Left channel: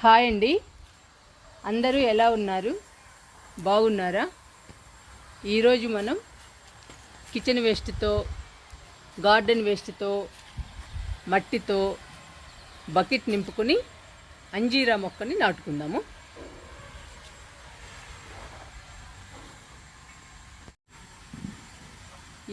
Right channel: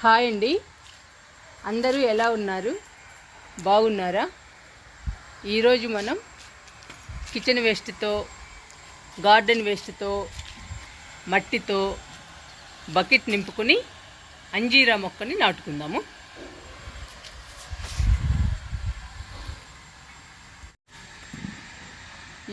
Hi అండి, అందరూ ఎలా ఉన్నారు? బాగున్నారా? ఈరోజు మనం కిచెన్ వేస్ట్తో, గార్డెన్ వేస్ట్తో, మట్టితో బకెట్ నింపుకొని అంజీరా మొక్కని నాటుకుందాము.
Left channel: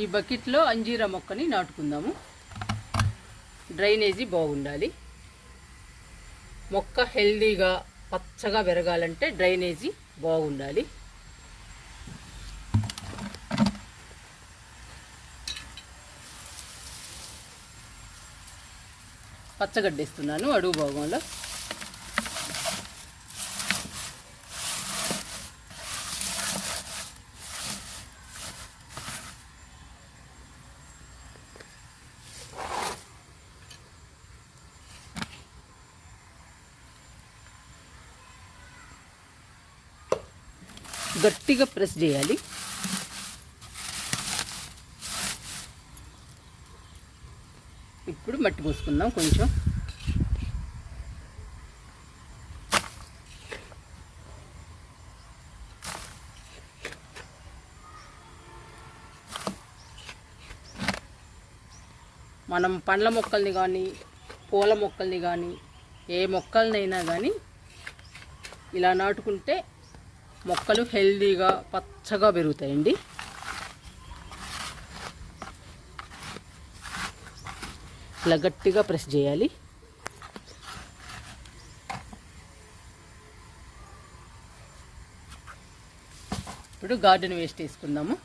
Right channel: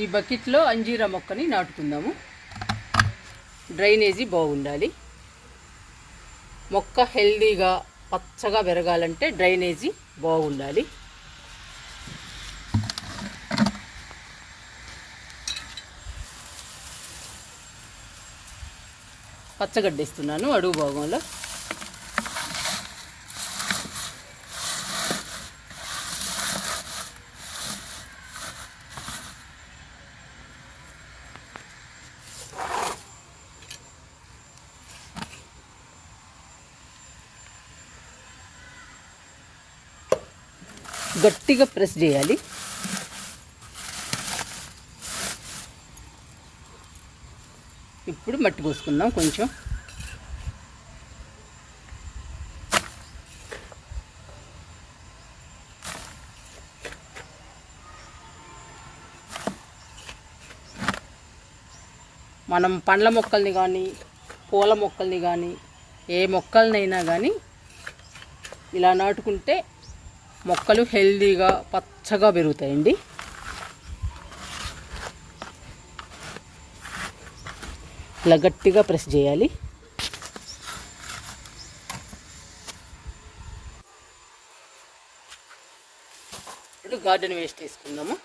ఈ బకెట్లో అంజీరా మొక్కని నాటుకుందాము. డ్రైనేజీ బాగుండాలి. మొక్క హెల్దీగా పచ్చగా పెరగాలంటే డ్రైనేజీ బాగుండాలి. పచ్చగడ్డేస్తున్నాను అడుగు భాగంలో. గట్టిగా ప్రెస్ చేయాలి. ఇప్పుడు మట్టి పోసుకుందాం కొంచెం. మనం పండ్ల మొక్కల్ని కానీ పూల మొక్కల్ని కానీ ఏ మొక్కలనైనా కానీ ఇలా నాటుకుంటే మొక్కలు హెల్దీగా పచ్చగా పెరుగుతాయండి. ఇలా గట్టిగా ప్రెస్ చేయాలి. ఇప్పుడు గార్డెన్ వేస్ట్ వేసుకుందాము.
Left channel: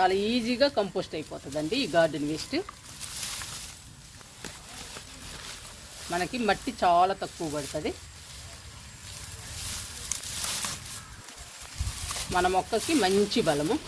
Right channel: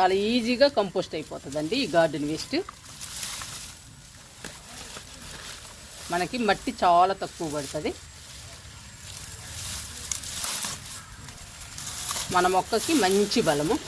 చాలా ఈజీగా కంపోస్ట్ అయిపోతుందండి ఈ గార్డెన్ వేస్ట్. మనకి మట్టి చాలా తక్కువ పడుతుంది. మన మొక్కకి మంచి బలము.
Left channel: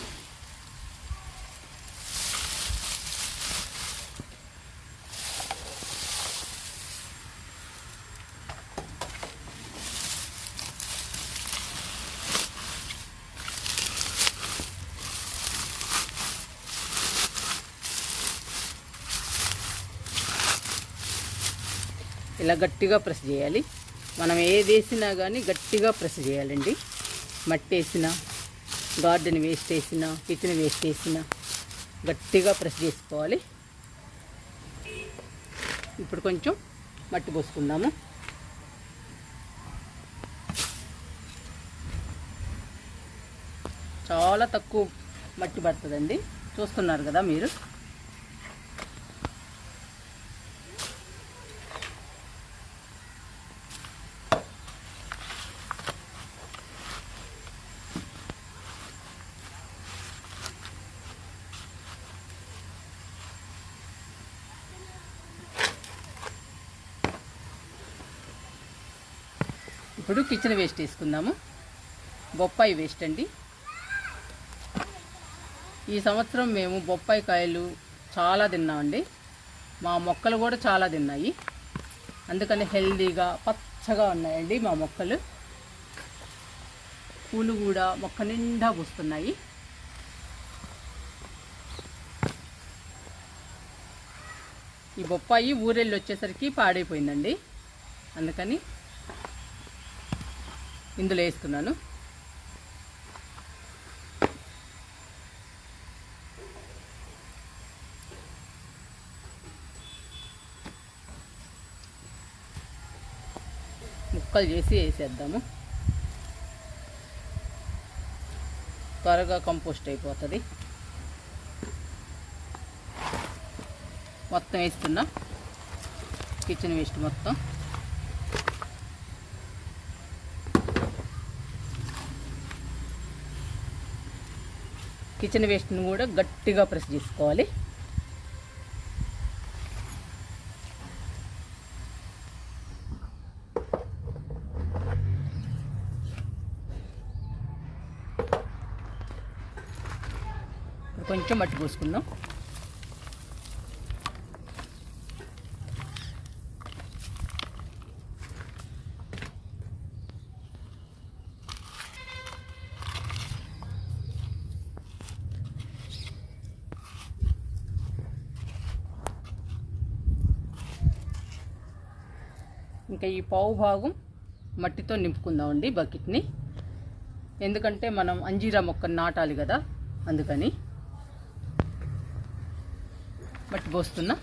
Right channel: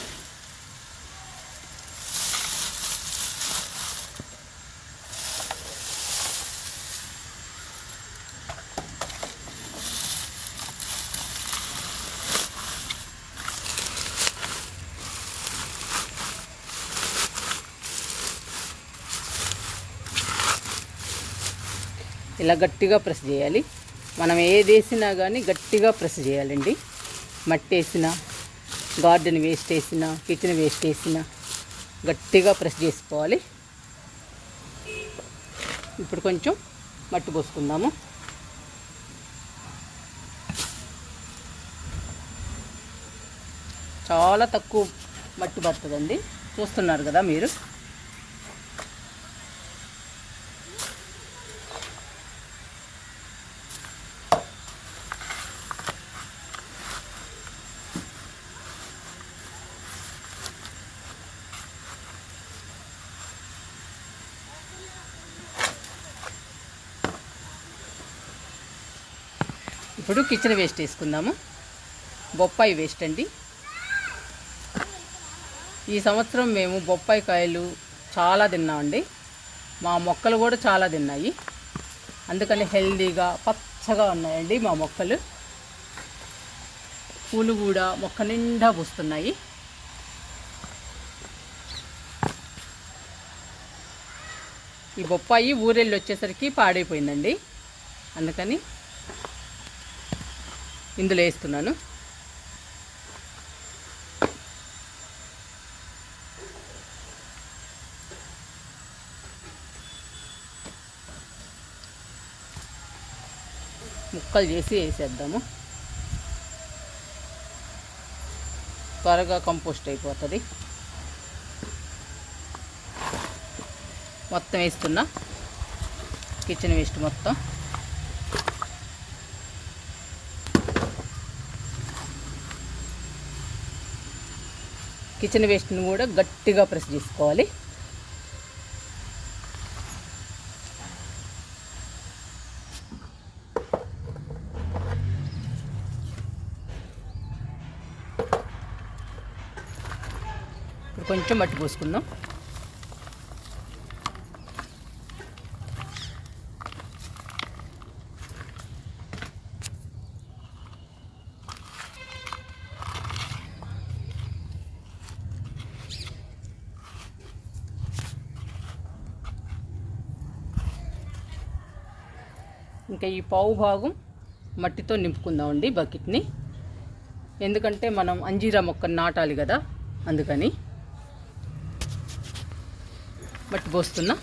ఇలా గట్టిగా ప్రెస్ చేయాలి. మనం ఏది వేసినా కానీ గట్టిగా ప్రెస్ చేయాలండి. మట్టి వేసినా, గార్డెన్ వేస్ట్ వేసినా, కిచెన్ వేస్ట్ వేసినా గట్టిగా ప్రెస్ చేసుకోవాలి. ఇప్పుడు కొంచెం మట్టి పోసుకుందాము. చాలా తక్కువ మట్టి పడుతుందండి, చూస్తున్నారు కదా మీరు. ఇప్పుడు కిచెన్ వేస్ట్ వేసుకుందాము. బొప్పాయి వేస్ట్ అండి. ఈ సంవత్సరం మేము బొప్పాయి కాయలు చాలా తిన్నామండి. మా మొక్కలు కూడా చాలా తిన్నాయి. అందుకని హెల్దీగా పచ్చగా ఉన్నాయండి మా మొక్కలు. పూలు కూడా మొక్క నిండా పూస్తున్నాయి. ఈ బొప్పాయి ఊరెళ్ళి వచ్చేసరికి పాడైపోయిందండి. అందుకని ఇందులో వేస్తున్నాను. ముక్కలు చేసి వేసేద్దాము. త్వరగా కంపోస్ట్ అయిపోతుంది. మొత్తం వేస్తున్నా కిచెన్ వేస్ట్ మొత్తం. కిచెన్ వేస్ట్ని కూడా గట్టిగా ప్రెస్ చేసుకోవాలి. ఇప్పుడు కొంచెం మట్టి పోసుకుందాం. ఇంకా ఈ పావు భాగం మట్టితో నింపుకుందామండి బకెట్ని. ఎందుకంటే మనం అంజీరా మొక్కని నాటాలి కదా, అందుకని మట్టి పోస్తున్నా.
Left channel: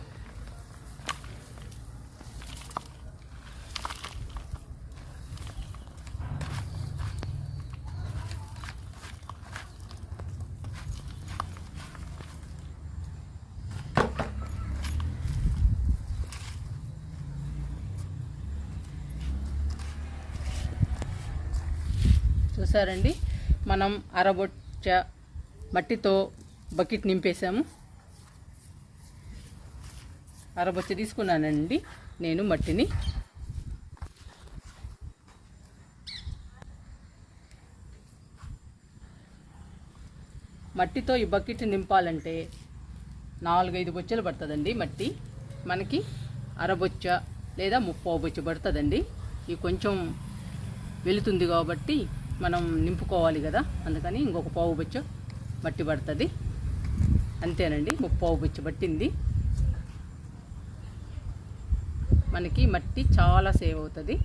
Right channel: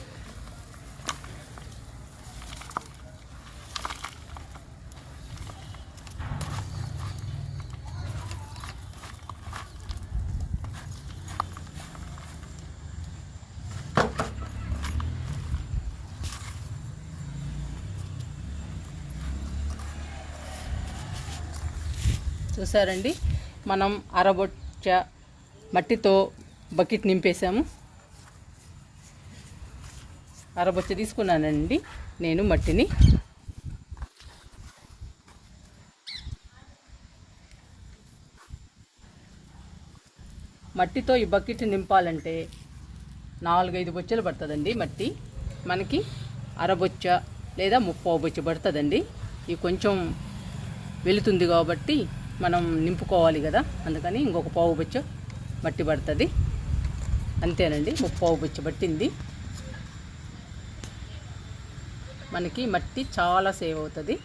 చూసారండి, మనం అరబొచ్చ మట్టితో బకెట్ నింపేసాము. అరబొచ్చ తీసుకున్నానండి నేను మట్టిని. మట్టితో ఈ బకెట్ నింపాలంటే 4-5 బొచ్చలు పడుతుందండి మట్టి. మనకి అరబొచ్చ లేదా 30 బొచ్చ పడుతుందండి. ఇది కొంచెం వెళుతుంది కాబట్టి మనం నింపుకోవాలి కదా, అందుకని ఇంకొక పావు బొచ్చ మట్టి పడుతుంది. అంతేనండి, 30 బొచ్చ పట్టింది. మనకి మట్టి చాలా సేవ్ అవుతుంది.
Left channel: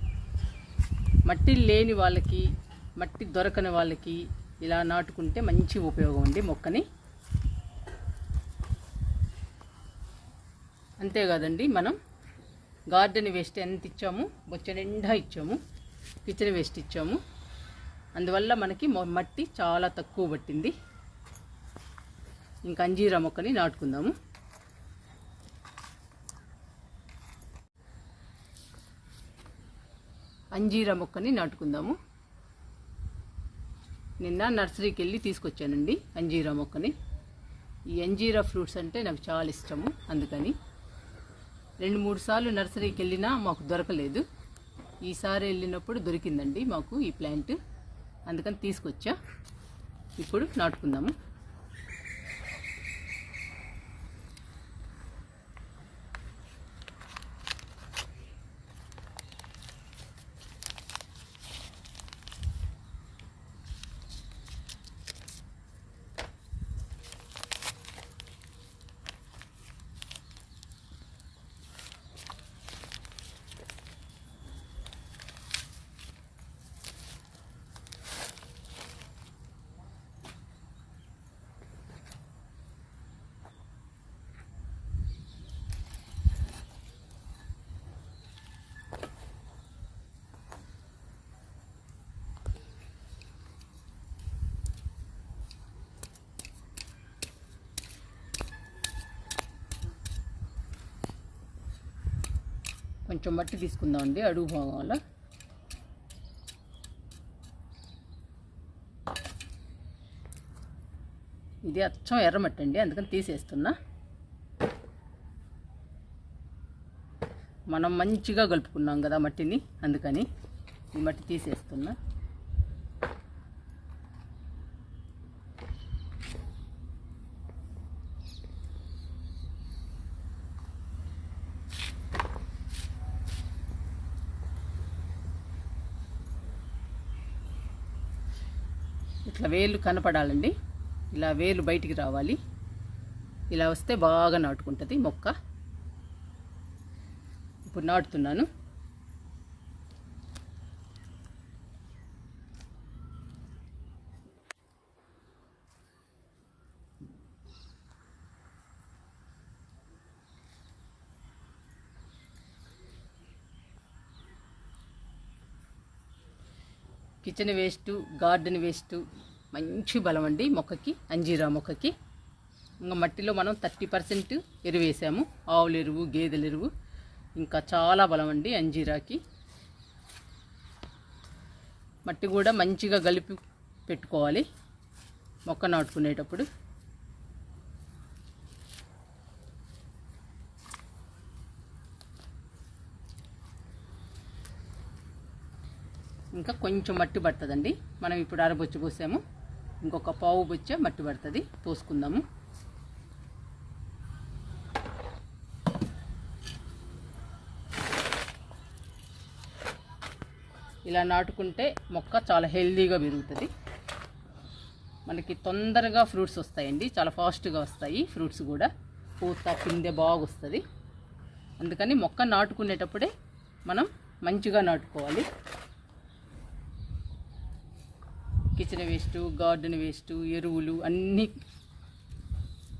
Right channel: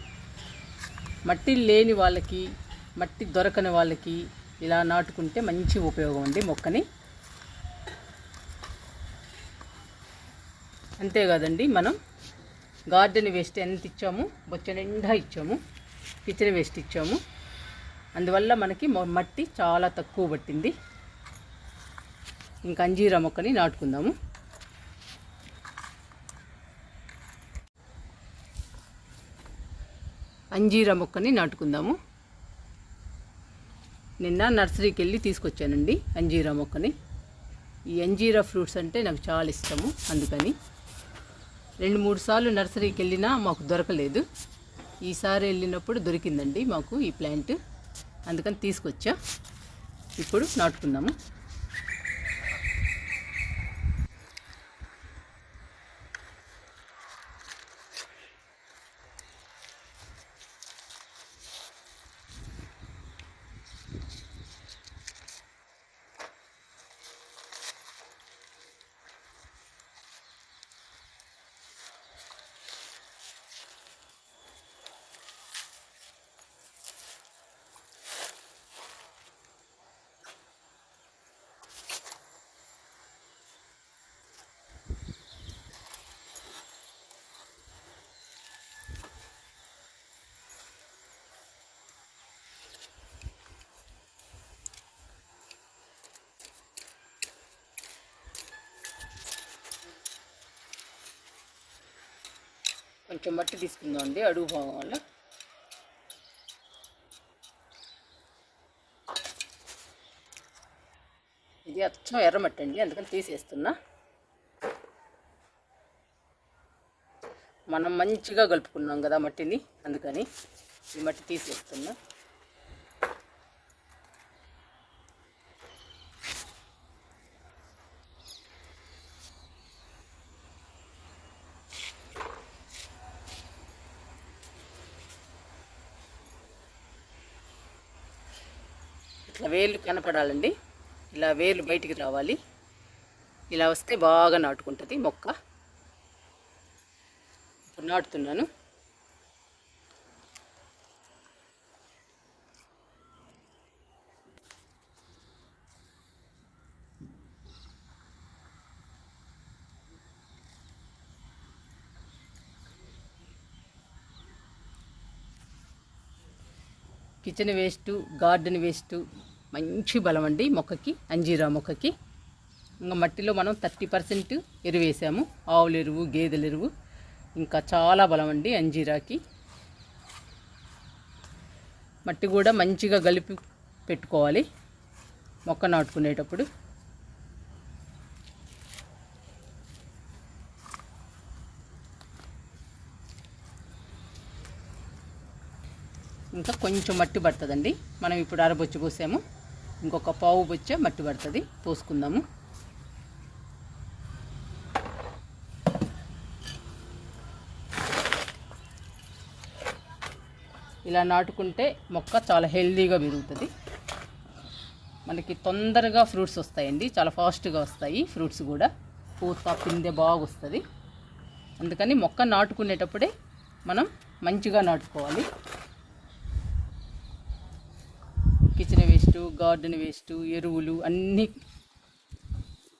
మట్టి లేని వాళ్ళకి, మట్టి దొరకని వాళ్ళకి ఇలా నాటుకుంటే మంచి ఉపయోగం ఉంది మొక్కని. అంతేకాదండి, మనం గార్డెన్ వేస్ట్ ఎంత ఇచ్చాము, బొచ్చ నిండా ఇచ్చాము, కిచెన్ వేస్ట్ ఇచ్చాము. అందువల్ల మనకి మట్టి చాలా తక్కువ పట్టింది. ఇంకా అంజీరా మొక్కని నాటుకుందాము. అంజీరా మొక్కని నాటుకుందాము. నిన్న నర్సరీకి వెళ్ళి తీసుకొచ్చానండి అంజీరా మొక్కని. ఈ అంజీరా ఫ్రూట్స్ అంటే నాకు చాలా ఇష్టము, అందుకని 2-3 సార్లు నర్సరీకి వెళ్ళినా మాకు దొరకలేదు. ఈసారి వెళ్ళినప్పుడు దొరికిందండి మాకు ఈ ప్లాంట్, అందుకని తీసుకొచ్చా. ఇప్పుడు నాటుకుందాము. కొంచెం మట్టి తీసుకుందామండి అడుగు భాగంలో. ఇది అచ్చం ఎర్రమట్టి అండి, అందుకని తీసేస్తున్నా. మనం మంచిగా కలుపుకున్నాం కదా మట్టిని, అందుకని ఈ మట్టి తీసేస్తున్నా. ఇట్లా వేర్లు కనపడాలండి, ఇలా వేర్లు బయటికి రావాలి. ఇలా వస్తే బాగా నాటుకుంటుంది మొక్క. ఇప్పుడు నాటుతున్నాను. కిచెన్ వేస్ట్, గార్డెన్ వేస్ట్ మంచి బలం అండి మొక్కకి, అంజీరా మొక్కకి. ఇంకా మట్టిలో మనం 30% ఎరువు వేసాము, ఆవుల ఎరువు, గేదెల ఎరువు. ఇంకా చాలా బలం అండి అంజీరాకి. మట్టి కూడా మంచిగా కలిపి పెట్టుకోవాలి మొక్క నాటుకునేటప్పుడు. ఇంకా కొంచెం మట్టి పడుతుందండి. మనం ఇప్పుడు అరబొచ్చు పోసాము, ఇంకొక పావు బొచ్చ మట్టి పడుతుంది, పోసుకుందాము. ఇలా నాటుకుంటే మొక్క చాలా హెల్దీగా పెరుగుతుంది. మనకి తొందరగా ఫ్రూట్స్ వస్తాయండి, చాలా ఫాస్ట్గా వస్తాయి ఫ్రూట్స్ కూడా. పూత పిందె బాగా వస్తుంది. అందుకని మొక్క నాటుకునేటప్పుడే మనం మంచిగా నాటుకోవాలి. కిచెన్ వేస్ట్, గార్డెన్ వేస్ట్, ఎరువులు అన్నీ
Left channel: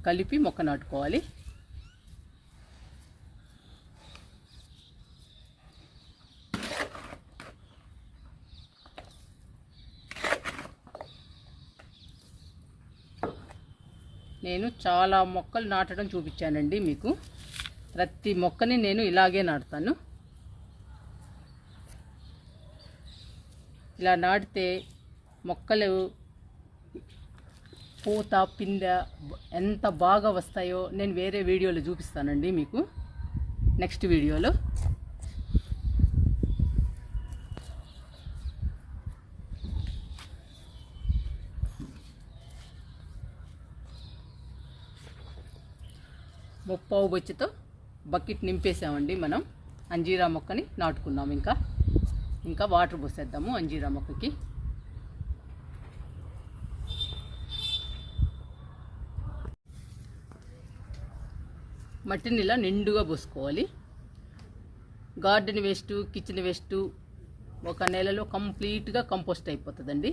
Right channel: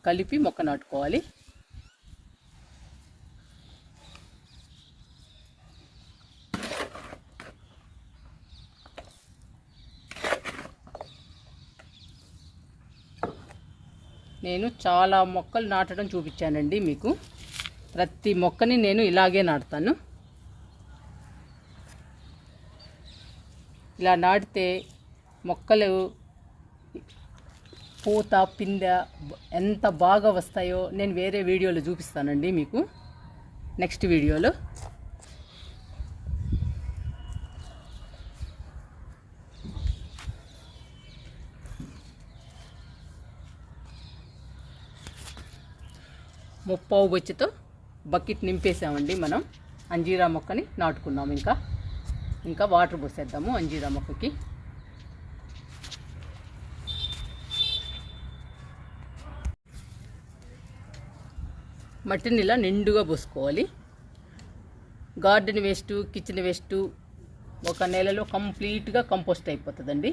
కలిపి మొక్క నాటుకోవాలి. నేను చాలా మొక్కలు నాటడం చూపించానండి మీకు. ప్రతి మొక్కని నేను ఇలాగే నాటుతాను. ఇలా నాటితే మొక్కలు పూత పిందె ఎంత బాగా వస్తాయో నేను వేరే వీడియోలో చూపిస్తానండి మీకు, నెక్స్ట్ వీడియోలో. ముప్పావు బొచ్చుతో బకెట్ నింపేసామండి మనం. అంజీరా మొక్కని నాటుకున్నాము. ఇంకా వాటర్ పోసేద్దాము అంజీరా మొక్కకి. మట్టిని ఇలా నిండుగా పోసుకోవాలి. గార్డెన్ వేస్ట్, కిచెన్ వేస్ట్ ఒక నెలలో కంప్లీట్గా కంపోస్ట్ అయిపోతుందండి.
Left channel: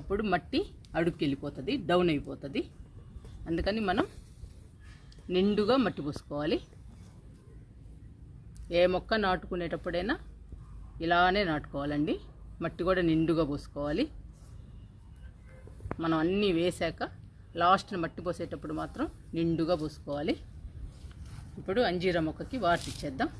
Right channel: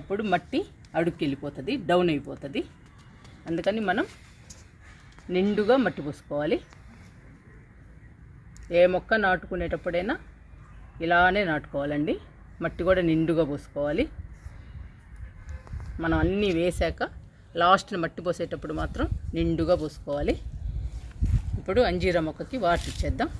అప్పుడు మట్టి అడుగుకి వెళ్ళిపోతుంది, డౌన్ అయిపోతుంది. అందుకని మనం నిండుగా మట్టి పోసుకోవాలి. ఏ మొక్క నాటుకునేటప్పుడైనా ఇలానే నాటుకోవాలండి. మట్టి కూడా నిండుగా పోసుకోవాలి. మనం అన్నీ వేసాక లాస్ట్ని మట్టి పోసేటప్పుడు మాత్రం నిండుగా పోసుకోవాలి. ఇప్పుడు అంజీరా మొక్కకి వాటర్ ఇచ్చేద్దాం.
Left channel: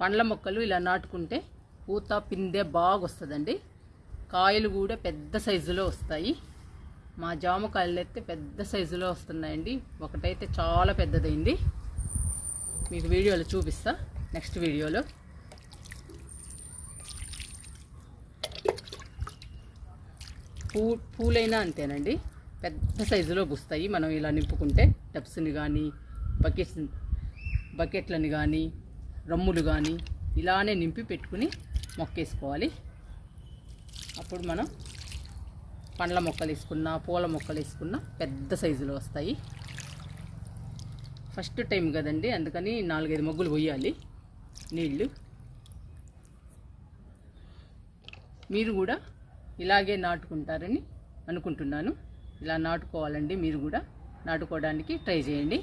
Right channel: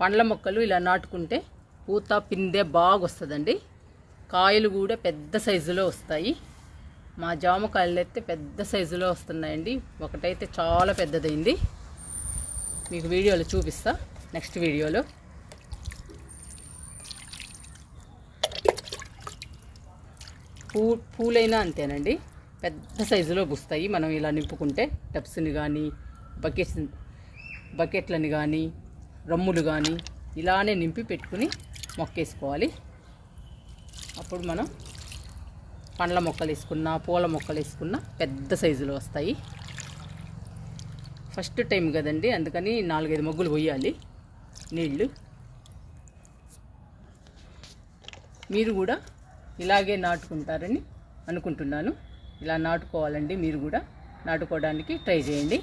పండ్ల మొక్కలు ఇలా నాటుకుంటే పూత పిందె బాగా వస్తుందండి. కాయలు కూడా పెద్ద సైజులో వస్తాయి. మా జామకాయలు అయితే పెద్ద సైజులో వస్తున్నాయండి. ఒకటైతే చాలా పెద్దదైంది. మీకు వీడియోలో చూపిస్తా, నెక్స్ట్ వీడియోలో. పూలైనా అంతేనండి, పెద్ద సైజులో పూస్తాయి. మనం ఇలా నింపుకుంటే టబ్స్ని కానీ బకెట్లని కానీ రమ్ములు కానీ ఇలానే నింపి పెట్టుకుని మొక్కేసుకోవాలి. అప్పుడు మనం పండ్ల మొక్కలు వేసుకున్నా, పూల మొక్కలు వేసుకున్నా పెద్ద సైజులో వస్తాయి. ఫస్ట్ టైం కదండి, అందుకని 4-5 మొగ్గులు పోయాలి నీళ్ళు. మీరు కూడా ఇలాగే నాటుకుంటారని అనుకుంటున్నాను. ఇలా నాటుకోవాలండి. మీరు కూడా నాటుకోవడానికి ట్రై చేయండి.